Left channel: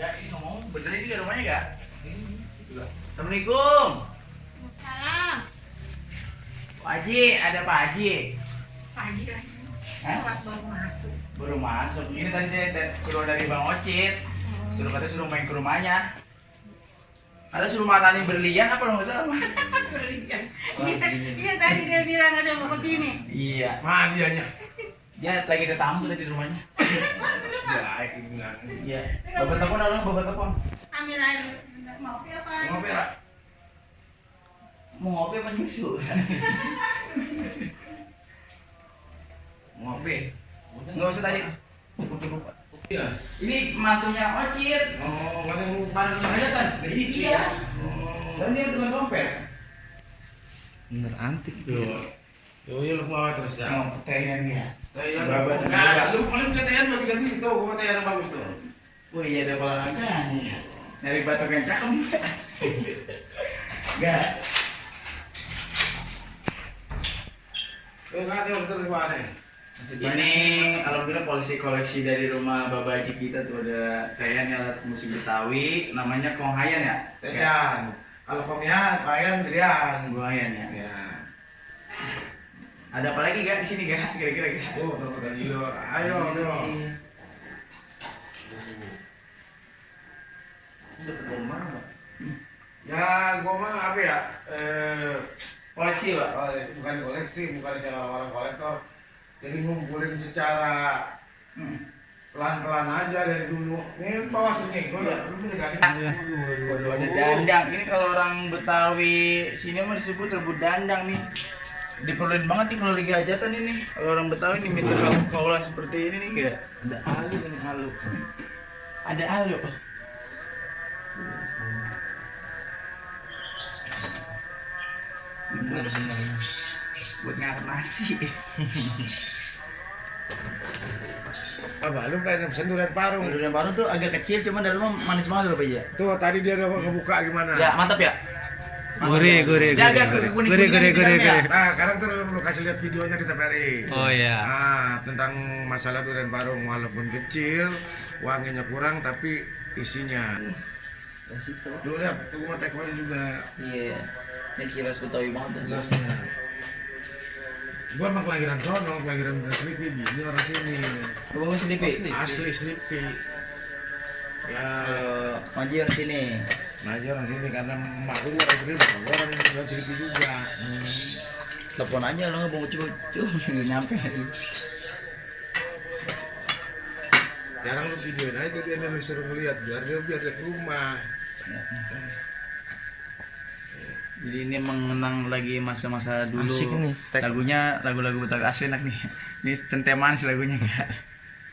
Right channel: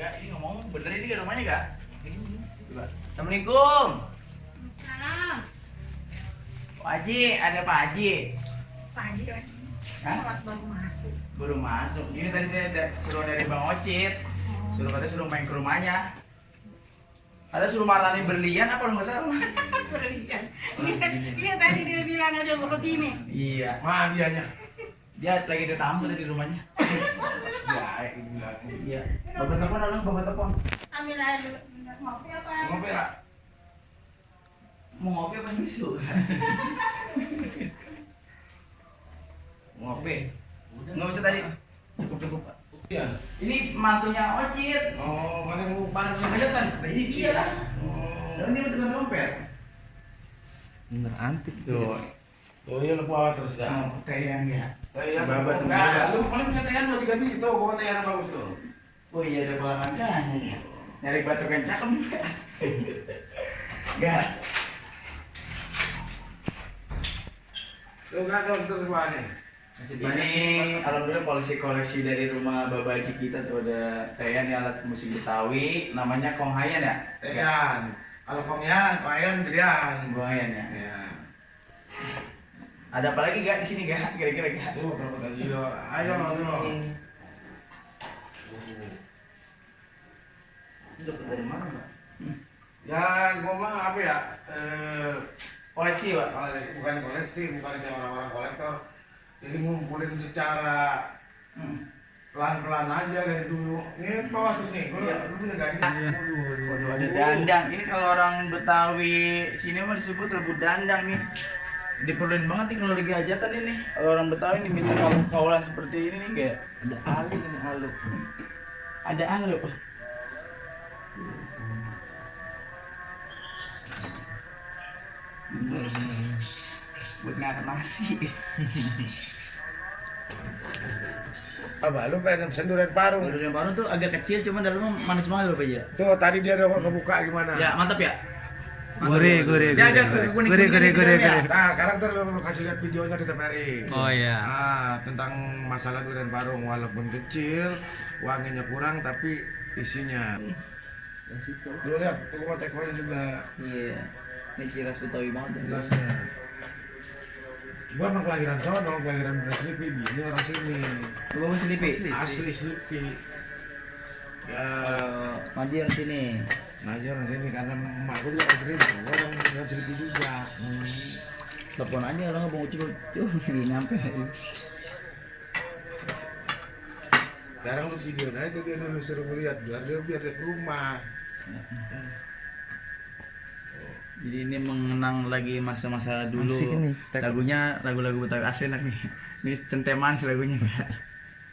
Gak, ini ngomong bener ini gak rumahnya gak? Coba. Assalamualaikum. Salam. Pak Haji, ada Pak Haji. Pak Haji lagi. Hah? Baru masuk. Baru masuk. Ini tadi saya suruh dari Bang Ocit. Katanya suruh main ke rumahnya. Ada suruh mananin berlian apa nggak salah? Berlian. Iya tadi dia bilang ada mau kesini. Iya. Mana dianya? Dia lagi ada tamu tadi di rumahnya. Ya, itu bilang. Iya. Bapak telepon, bapak telepon. Ambil air. Mau kopi apa? Mau berak? Mau ngopi apa nyusu? Ngopi. Nggak usah tadi. Cukup. Iya. Ini mantunya Ocit. Oh, mana yang pada hajatan? Nah, ini dia. Oh. Dan dia tukang dompet. Bener antik tuh. Oh iya, lu mau terus dah. Mau keteyan ya. Tayang. Babat. Enggak, lu paling punya tayang mah kita beli tuh, gua tayang bagus tuh. Oh iya ada kolam kancanya. Nyari batuk yang cakep. Enggak. Lu enggak tahu betul gua nih. Ini alhamdulillah koleksi dari rumah Bapak Haji kita tuh ada kayan alat musik Betawi namanya Konghayan ya? Tayang. Kalau kongyan, kayan gedean. Konghayan ya. Ya. Ada apa lagi gak di sini gak? Kira-kira gak? Tuh, terus tidur. Ayo, tuh. Dapat dari mana, Pak? Ya, gua mah apa ya? Koleksi, Pak. Bukan koleksi, bukan kayak orang-orang kolektor. Jadi ngumpulin secara pelan-pelan aja dari dulu. Ini bawah tuh nih, gua Iya. belum punya gading. Iya. Waduh, ada dandang. Ini kalau orang Betawi sini mah disebut rebut dandang nih. Diperluin banget nih kalau lagi hajatan ini. Kalau orang Betawi nih minta kaulan seperti ini nih kayak ada alu ini alu. Ada alu. Bener. Buat ngangkat nasi. Apa lu pengen pesen durian parung? Kalau yang baru tuh agak kecil cuman dalamnya manis banget Bapak ya. Tuh tadi dia udah kebuka gimana? Ya, mantap ya. Gurih. Dia agak kuning-kuning Gurih. di dalamnya. Nah, sekarang tuh lu kasih lihat videonya di TVRI. Oh iya. Ah, tentang masalah durian parung walaupun kecil, wanginya kurang tapi isinya. Lu lihat, tuh gua tekonya juga. Iya. Ini ciras Betawi banget. Jelasnya. Gua emang kelahiran sono, kelahiran Sleepy, ini orang sini. Abang sedikit. Asli Sleepy. Ya, Maji orang sini. nah aja orang sini karena emak gua juga orang Sleepy juga. Telepon aja lo nggak mau coba nggak nyampe. Sekarang lu videoin aja dia nih, lu suruh ngeliat biar dia ke rumah. Jadi ini mengenang lagi masa-masa dulu. Asik nih. Lagunya lagu-lagu Betawi asli enak nih. Ini centeman sih lagunya enggak.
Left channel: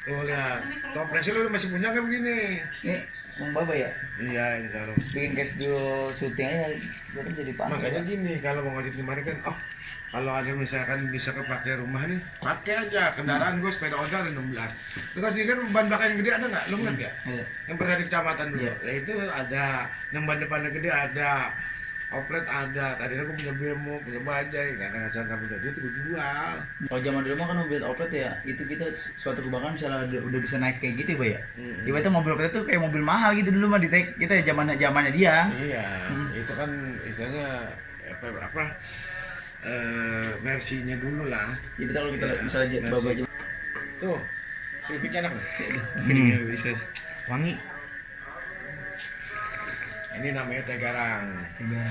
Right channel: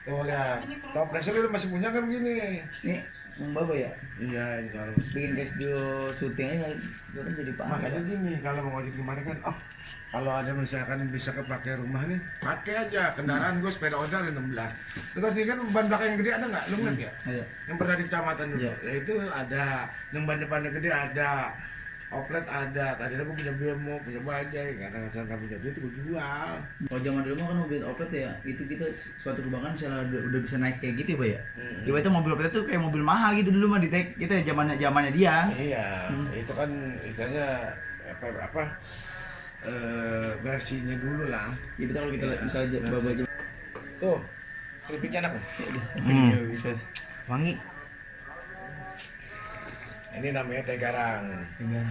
Oh lihat, toplesnya lu masih punya kan begini? Ini Bang Baba ya. Iya, ini kalau Bikin case dulu syuting aja jadi Pak. makanya gini, kalau mau ngojek kemarin kan, oh kalau ada misalkan bisa kepake rumah nih, pakai aja kendaraan gue sepeda ontel ada 16. Terus ini kan ban belakang yang gede ada nggak? Lu nggak ya? Iya. Yang pernah di kecamatan dulu, Iya. ya itu ada. Yang ban depannya gede ada. Oplet ada. Tadi aku punya bemo, punya bajai, karena nggak sangka punya dia itu gue jual. Kalau zaman dulu mah kan mobil oplet ya, itu kita suatu kebanggaan misalnya udah bisa naik kayak gitu ya, Pak ya. Ibaratnya itu mobil oplet tuh kayak mobil mahal gitu dulu mah di kita zamannya dia. Iya, itu kan istilahnya apa versinya dulu lah. Jadi kalau kita Iya, misalnya versi. Baba aja. Tuh, Filipinnya enak loh. Bisa. Wangi. Ini namanya teh garang. Iya.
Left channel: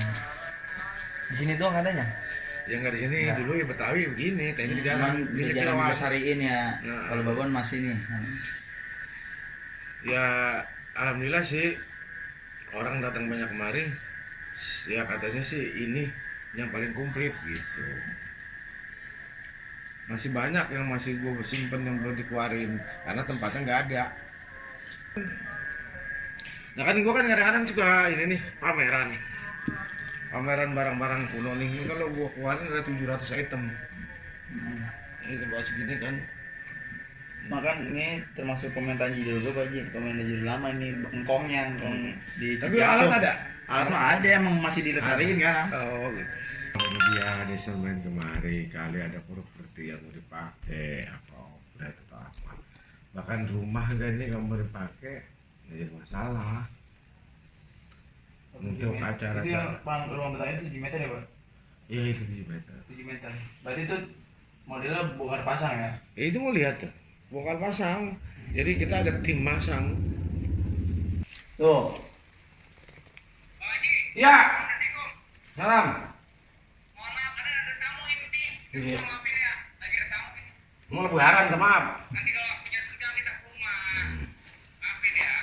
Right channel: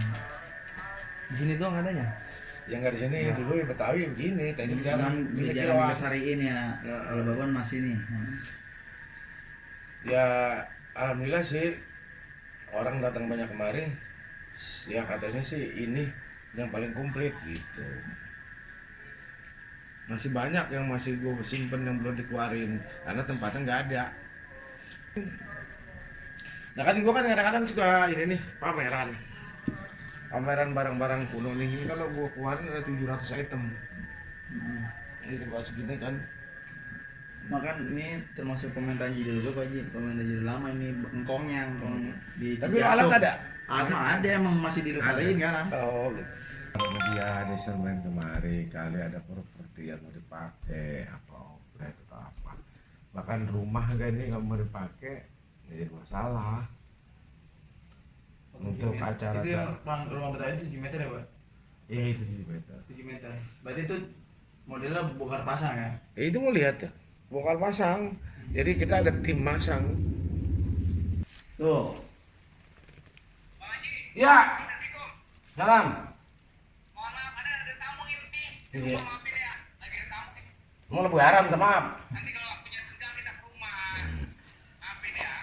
Di sini doang adanya. Yang nggak di sini dulu ya Betawi begini, tehnya di garang. Di Ini jalan kilauan. Besariin ya. Nah. Kalau Babon masih nih. Ya alhamdulillah sih orang datang banyak kemari. Ya katanya sih ini yang paling komplit gitu. Masih banyak yang masih gue simpen yang belum dikeluarin karena tempatnya nggak ada. Nah kan gue kan kadang-kadang suka ini nih pameran barang-barang kuno nih. Ini kalau gue keluarin ada 700 item. Ini tempat segini kan. Makan ini termasuk pemerintahan judul gue Pak Ji, pemerintahan judul lama ini engkongnya, engkong di Tapi Cicatuk. alat ada? Alat mah ada emang masih dilestariin kan. Oh gitu. Kalau dia ada instrumen kemari, kali ada properti yang mau dipakai apa oplet atau apa. Bahkan rumah kan ini nggak mau dipakai, Jadi masalah. Untuk acara itu yang ruang Betawi itu 7 meter ya, Pak? Iya itu 7 meter. 7 meter. Berarti itu modelnya bongkar pasang ya? Itu mau lihat tuh, bongkar pasang. Jadi kita ada tim masang. Tuh. Ya. Salam. Mohon maaf, ada tamu ini. Iya. Maafin ya, lagi ada tamu. Mau lebaran sama. Nanti kalau punya surga kita ke rumah. Maafin ya.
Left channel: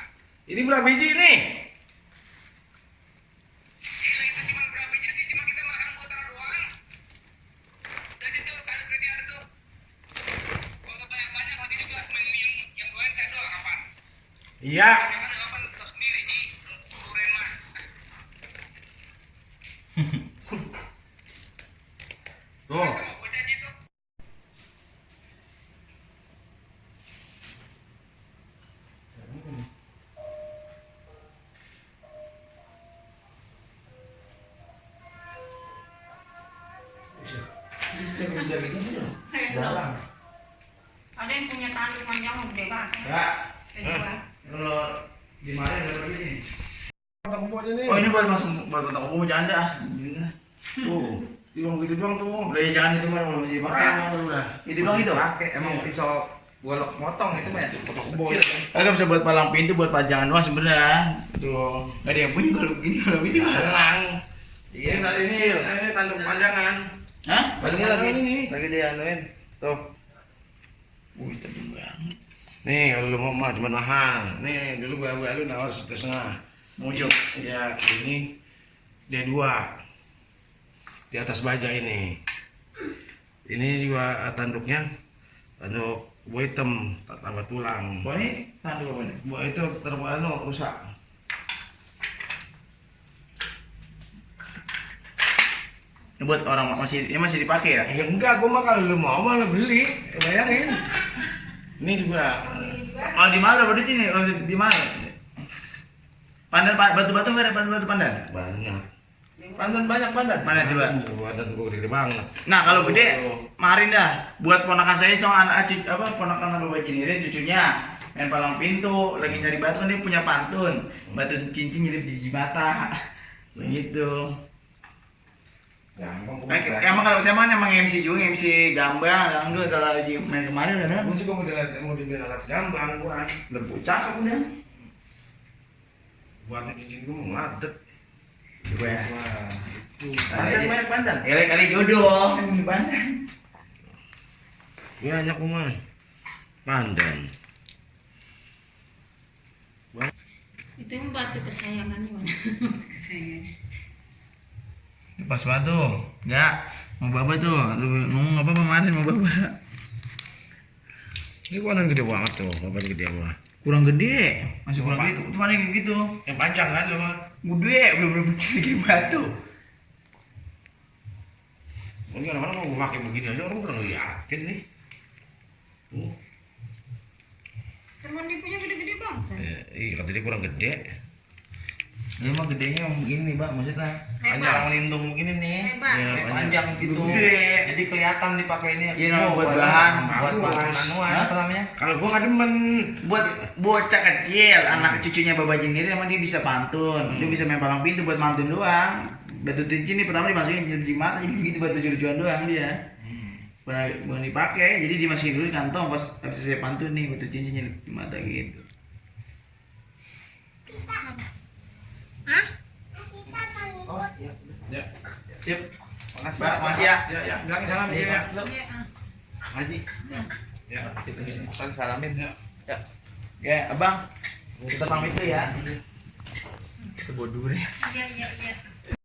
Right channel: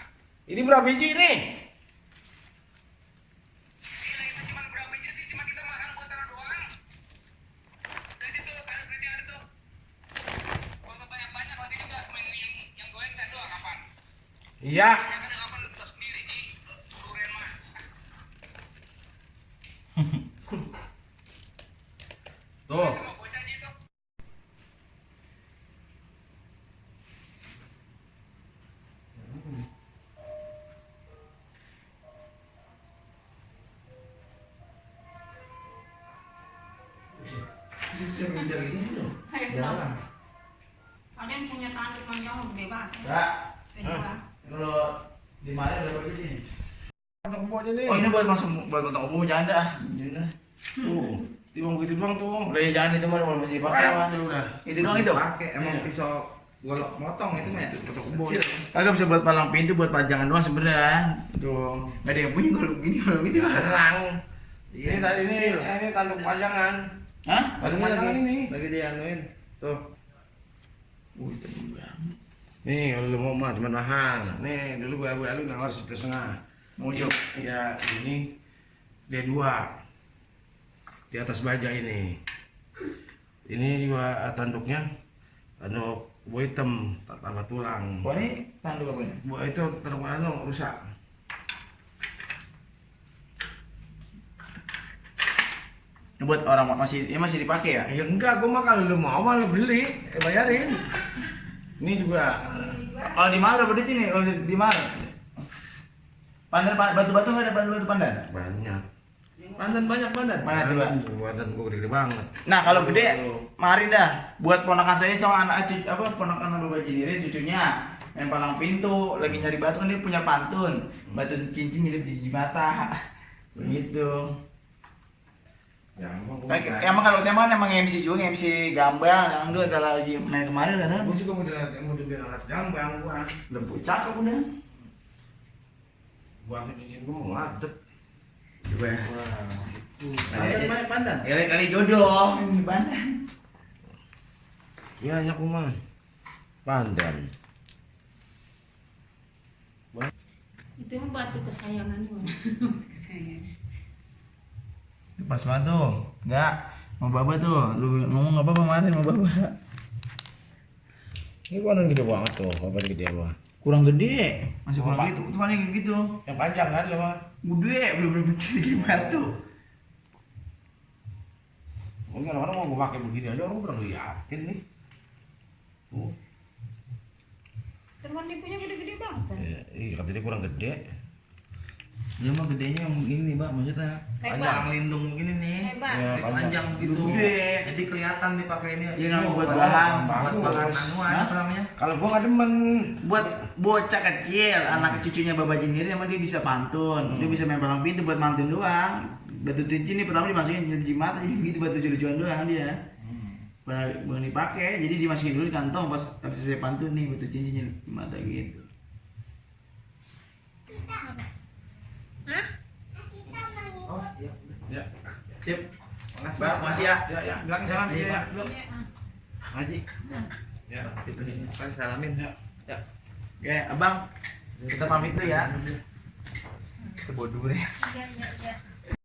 Ini berapa biji nih? Gila, itu cuma berapa biji sih? Cuma kita makan buat orang doang. Jadi tuh, tadi berarti ada tuh. Kalau nggak banyak-banyak, nanti juga cuma yang goyang saya doang kapan? Iya. Jangan kapan tetap sendiri nih. Duren mah. Tuh. Sama bocah aja tuh. Ada yang punya tanduk panjang gede banget. Enggak. Gede banget. Kalau di mana ada begini? Ada kumpulnya nih. Oh ini buat masuk buat potong kuku bercanda ah. Tuh, timbang gitu doang tuh. Udah ya jangan itu mah kalau masih pakai udah. Itu doang itu. Pakai emang Iya. pisau golok motong itu mah. Potong kumpul. Kagak bisa buat palang pintu buat pajangan doang sebenarnya. Tuh, enggak ada yang punya kalau begini kalau gitu halang. Ini tadi ini tanduk panjangan. Hah? Tanduk panjangan ini. Lagi dianuin. Tuh. Wih, tebel banget. Nih kalau lu mau mah cuma mahal. Nih dulu gua lu nawar 1,5. Mojok. Ya ini D2 di atas baja ini. Ini juga tanduknya tanduk buah hitam tambah tulang. Wah ini tanduk apa nih? Buah itu rusak. Ini buat orang masih dipakai ya? Ya enggak, gua mah kalau lu mau malah beli, bayarin. Ini juga Kalau di mana berarti ini? Kalau di mana? Pandan batu-batu nggak ada batu-batu pandan? banyak. Pandan banyak pandan. Mana coba? Badan gua gede banget. Nah kalau gede, marin dah. Buat ponakan saya itu anak ponakan Bapak Jinire cucunya main palang pintu, lagi nyari batu kan dia punya pantun, batu cincin nyelip di mata, begitu. Ya emang gua. Emang kalau saya mah emang MC juga, MC gambang, dangdut salah lagi main kemarin kan? Gua juga mau dibeli alat jambang gua. Lembu cakep udah. Buat ini gua mau ngadet. Coba ya. Pandan banyak pandan. Kali jodoh ini pandan. Banyak kuman. Pandan. Itu yang batu kesayangan Wan. Kesayangan. Pas batu, enggak mau baba tuh, lu ngomong apa kemarin mau baba? Ini pandan gede banget tuh, apa gede apa? Kurang gede, masih kurang gede. Itu mana yang gitu? Yang panjang kan lu mah? Gede, belum gede batu. Ini orang-orang mau gue pakai begini aja orang pernah ngeliatin nih. Cuman dia punya gede-gede banget. Iya kata dia kurang gede. Ini mah gedenya yang begini bang, maksudnya panjang lindung begini nih. Hebat. Iya, Ya, panjang gitu. Gede. Jadi kelihatan dipakai ini. Iya, namanya buat bahan. Buat bahan anuan Hah? apa namanya? Kalau gua nggak demen. Buat bocah kecil, anak cucunya Bapak Jiniri emang dia bisa pantun. Dia bisa main palang pintu buat mantun doang. Batu cincin nih pertama dimasukin di mata, jadi begitu batu lucu-lucuan doang dia. Bukan dipakai, jadi dimasukin dulu di kantong pas habis saya pantun nih batu cincin nyelip di mata gitu. Hah? Oh iya. Ya. Sip. Makasih. Mbak, makasih ya. Ya ya, bilangin salam Iya, ya. Pak. Iya, ah. Haji. Ya. Kan salamin ya. Ya. Oke, Abang. Kita pamit dulu ya. Kita bodoh deh. Iya, iya, iya.